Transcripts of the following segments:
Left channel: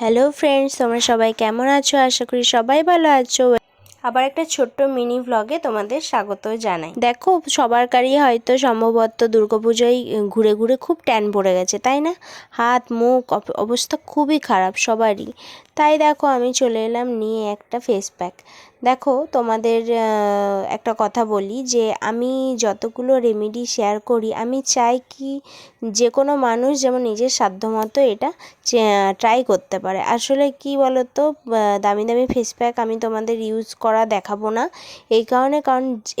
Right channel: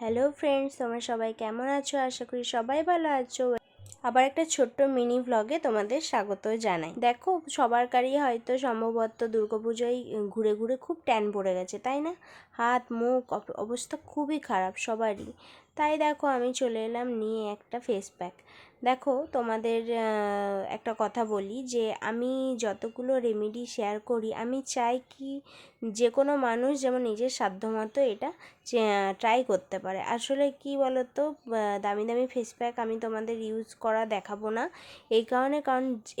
Hello friends, তোমরা সবাই কেমন আছো? আশা করি সবাই ভালো আছো। আবার একটা ছোট্ট মিনি ভ্লগে তোমাদের স্বাগত জানাই। দেখো, সবারই হয়তো সম্ভবত দুর্গাপুজোয় ঘুরে ঘুরে খুব ট্যান পড়ে গেছে, তাই না? হাত মুখ অবস্থা খুবই খারাপ সবারই। তাই দেখো, আমি চলে এলাম নিয়ে একটা ফেস প্যাক। দেখো, তোমাদের একটা কথা বলি যে আমি যতগুলো রেমেডি শেয়ার করি, আমি চাই কি যে কোনো মানুষ যেমন নিজের সাধ্যমতো এটা ট্রাই করতে পারে। আসলে কি বলো তো, দামি দামি ফেস প্যাক আমি তোমাদের ইউজ করা দেখাবো না, এই কারণ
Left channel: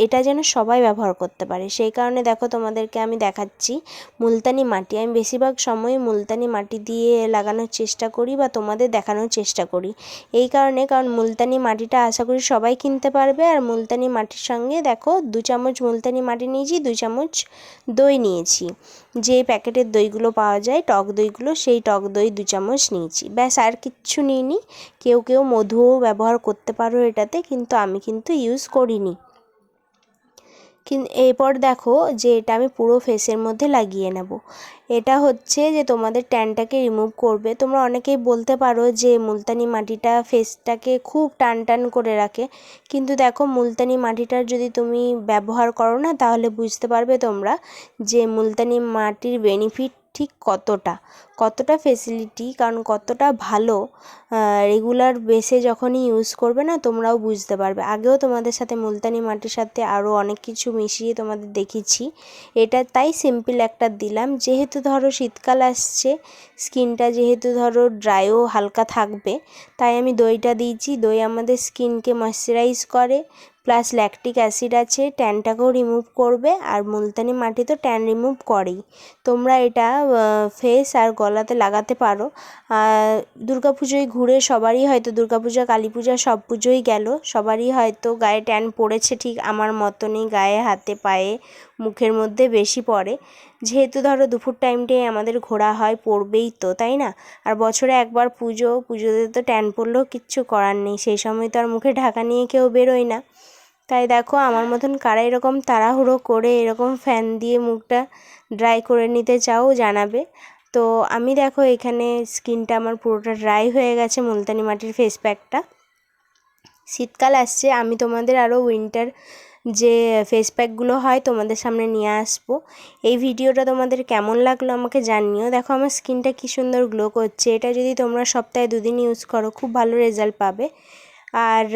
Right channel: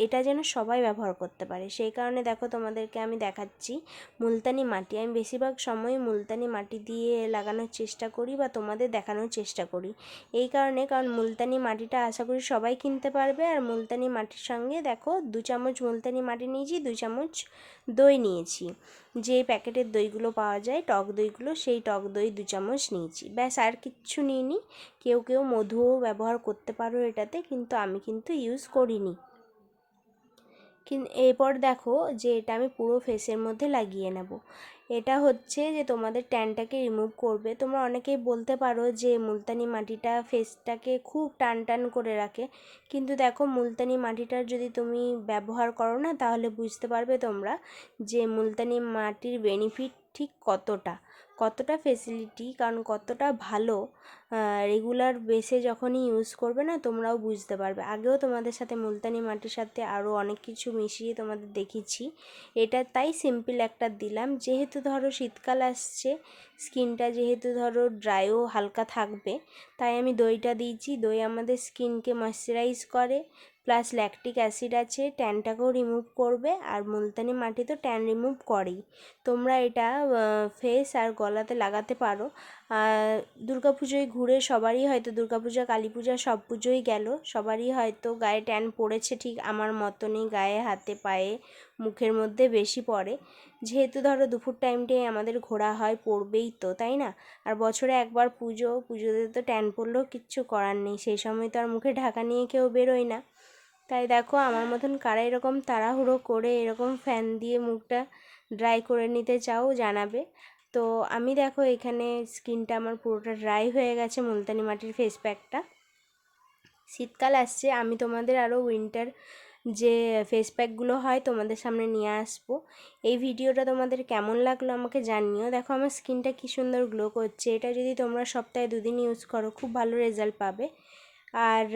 এটা যেন সবাই ব্যবহার করতে পারে। সেই কারণে দেখো, তোমাদেরকে আমি দেখাচ্ছি মুলতানি মাটি। আমি বেশিরভাগ সময় মুলতানি মাটি দিয়ে লাগানোর চেষ্টা করি বা তোমাদের দেখানোর চেষ্টা করি, এই কারণ মুলতানি মাটিটা আশা করি সবাই কিনতে পারবে। আর মুলতানি মাটির সঙ্গে দেখো 2 চামচ মুলতানি মাটি নিয়েছি, 2 চামচ দই নিয়েছি, যে প্যাকেটের দইগুলো পাওয়া যায় টক দইগুলো, সেই টক দই 2 চামচ নিয়েছি, ব্যাস। আর কিচ্ছু নিইনি। কেউ কেউ মধুও ব্যবহার করতে পারো এটাতে, কিন্তু আমি কিন্তু ইউজ করিনি। এরপর দেখো যে এটা আমি পুরো ফেসের মধ্যে লাগিয়ে নেব। এটা হচ্ছে যে তোমাদের ট্যানটাকে রিমুভ করবে। তোমরা অনেকেই বলতে পারো যে মুলতানি মাটিটা ফেসটাকে খুব টান টান করে রাখে, কিন্তু দেখো মুলতানি মাটিটার যদি তুমি ব্যবহার করো না, তাহলে বুঝতে পারবে তোমরা যে মুলতানি মাটির বেনিফিট ঠিক কতটা ফেসিলিটি, কারণ কতটা ভালো। রেগুলার বেসে যখনই ইউজ করবে না, তোমরাও বুঝতে পারবে। আগেও তোমাদের সাথে মুলতানি মাটির সাথে আরও অনেক কিছু মিশিয়ে তোমাদের দেখিয়েছি। এটা তাই সিম্পল একটা দিলাম, যেহেতু ধরো শীতকাল আসছে, স্কিনটা যেহেতু ধরো ড্রাইও হালকা থাকবে, তাই আমি দইটা দিয়েছি। দই আমাদের স্কিনকে ময়শ্চারাইজ করে, প্লাস ল্যাকটিক অ্যাসিড আছে, ট্যানটাকেও রিমুভ করবে। আর মুলতানি মাটি তো ট্যান রিমুভ করেই। তোমরা এটা ফেস আর গলাতে লাগাতে পারো। দুর্গাপুজোয় ঘুরে সবারই হয়তো, দুর্গাপূজা কালী পূজা সব পুজোই গেল, সবারই হয়তো গায়ে ট্যান পড়েছে, ঠিক আমার মতনই গায়ে হাতে পায়ে মুখের মধ্যে বেশি পড়ে। যেহেতু ধরো দুপুর টাইমটাই আমাদের ঘোরা হয়, পড়বেই তো, তাই না? আর বছরে একবার পুজোতে তো ট্যান পড়লেও কিচ্ছু করার নেই, সেই সময় তো আর মুখে ঢাকা নিয়ে কেউ বেরোয় না। তাই দেখো, আমার মতন কারা এরকম তাড়াহুড়ো করে এরকম ফ্যান দিয়ে মুখটা ড্রাই করে নিতে চাও জানাবে। তো আমি দেখো এখানে স্কিনটা আমার পুরোটা ড্রাই হয়ে গেছে মুলতানি মাটির ফেস প্যাকটা। শীতকাল আসছে, আমি তোমাদের আরও উইন্টার যে ফেস প্যাকগুলো হয় তোমাদের সামনে নিয়ে আসবো। এই ভিডিওটা তোমাদের কেমন লাগলো আমাকে জানিও। দেখো আমার স্কিনটা কী সুন্দর গ্লো করছে। এটা যদি তোমরা সপ্তাহে 2 দিন ইউজ করো, খুব ভালো রেজাল্ট পাবে। আর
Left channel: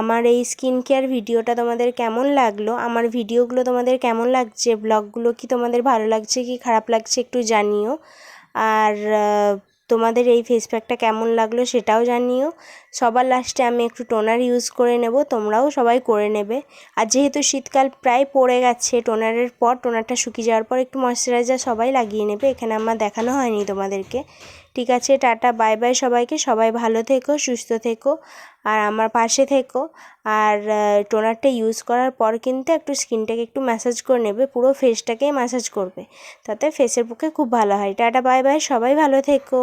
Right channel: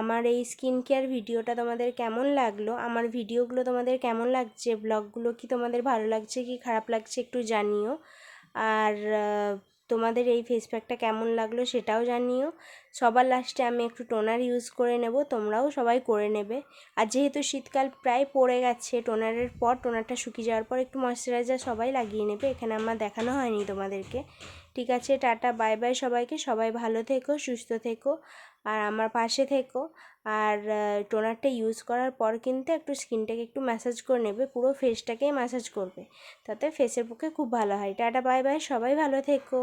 আমার এই স্কিন কেয়ার ভিডিওটা তোমাদের কেমন লাগলো, আমার ভিডিওগুলো তোমাদের কেমন লাগছে, ব্লগগুলো কি তোমাদের ভালো লাগছে কি খারাপ লাগছে একটু জানিও। আর তোমাদের এই ফেস প্যাকটা কেমন লাগলো সেটাও জানিও। সবার লাস্টে আমি একটু টোনার ইউজ করে নেব, তোমরাও সবাই করে নেবে। আর যেহেতু শীতকাল প্রায় পড়ে গেছে, টোনারের পর, টোনারটা শুকিয়ে যাওয়ার পর একটু ময়শ্চারাইজার সবাই লাগিয়ে নেবে। এখানে আমার দেখানো হয়নি তোমাদেরকে। ঠিক আছে, টাটা, বাই বাই সবাইকে। সবাই ভালো থেকো, সুস্থ থেকো, আর আমার পাশে থেকো। আর টোনারটা ইউজ করার পর কিন্তু একটু স্কিনটাকে একটু ম্যাসাজ করে নেবে, পুরো ফেসটাকেই ম্যাসাজ করবে, তাতে ফেসের পক্ষে খুব ভালো হয়। টাটা, বাই বাই, সবাই ভালো থেকো।